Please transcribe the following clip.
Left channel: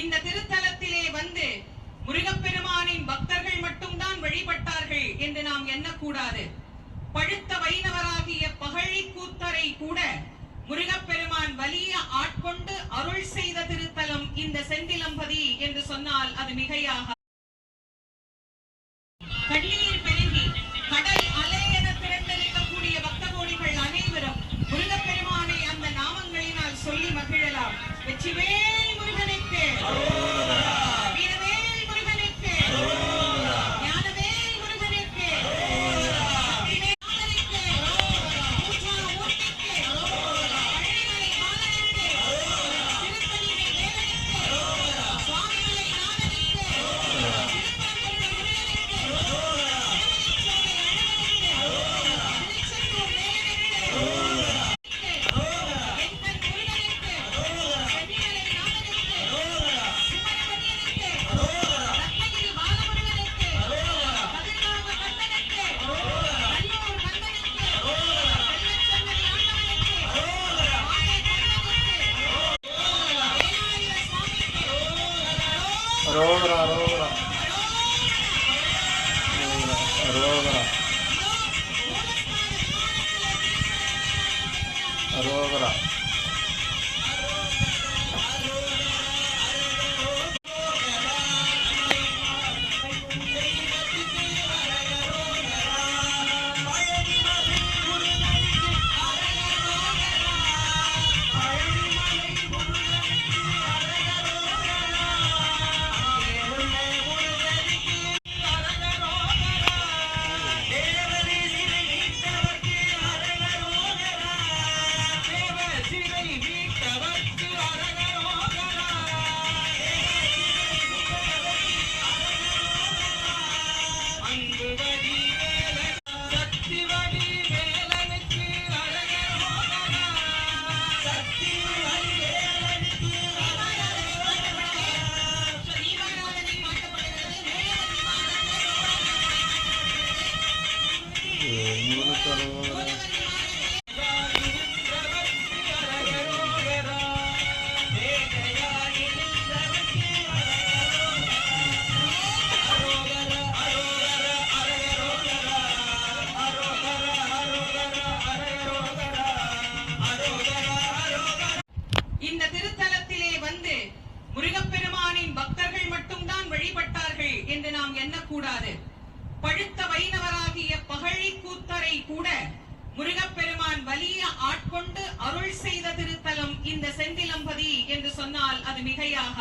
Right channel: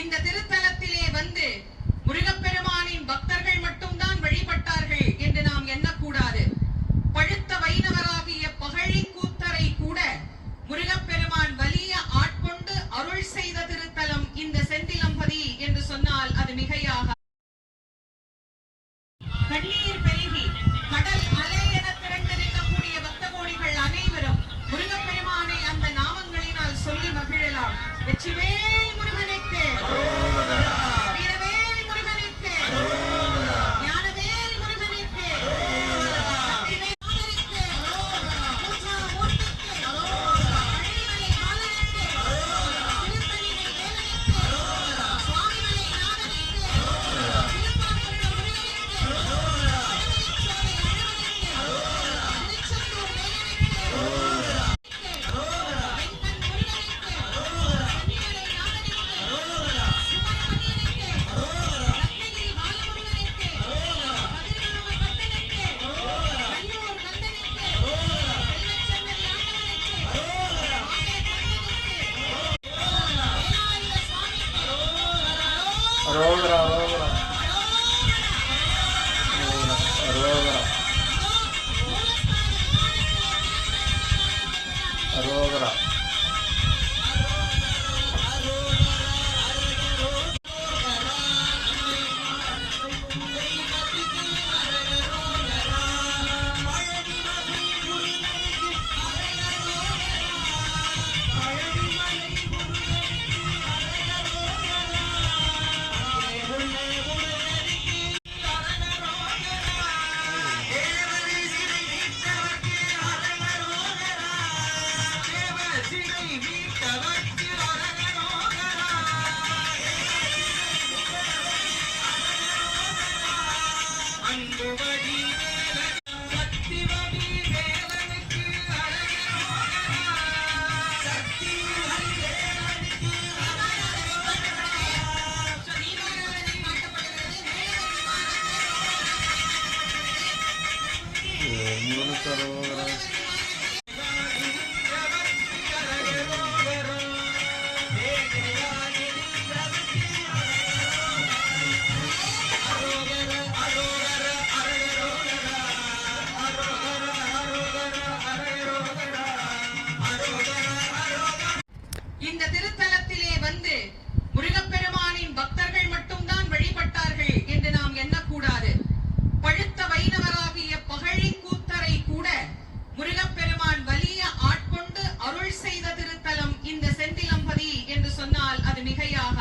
இந்த திருத்தலத்திலே வந்து முருகப்பெருமானின் பக்தர்கள் மட்டும்தான் வழிபட்டார்கள் என்று நாம் எண்ணக்கூடாது. பழுத்த வைணவராகிய பகழி கூத்தரை கூட முருகப்பெருமான் வலிய ஆட்கொண்டு அருள் செய்த திருத்தலம் இந்த செந்திலம்பதி என்று சொன்னால் அது மிகையாக. கண்ணீர் பெருகி கடல் அலை என திறந்திருக்கக்கூடிய பக்த கோடிகள் அனைவரும் முருகப்பெருமானை அந்த நாமங்களினால் சொல்லி மகிழலாம். வெற்றிவேல் முருகனுக்கு, வீரவேல் முருகனுக்கு, ஞானவேல் முருகனுக்கு, அரோகரா அரோகரா அரோகரா அரோகரா. Arohara.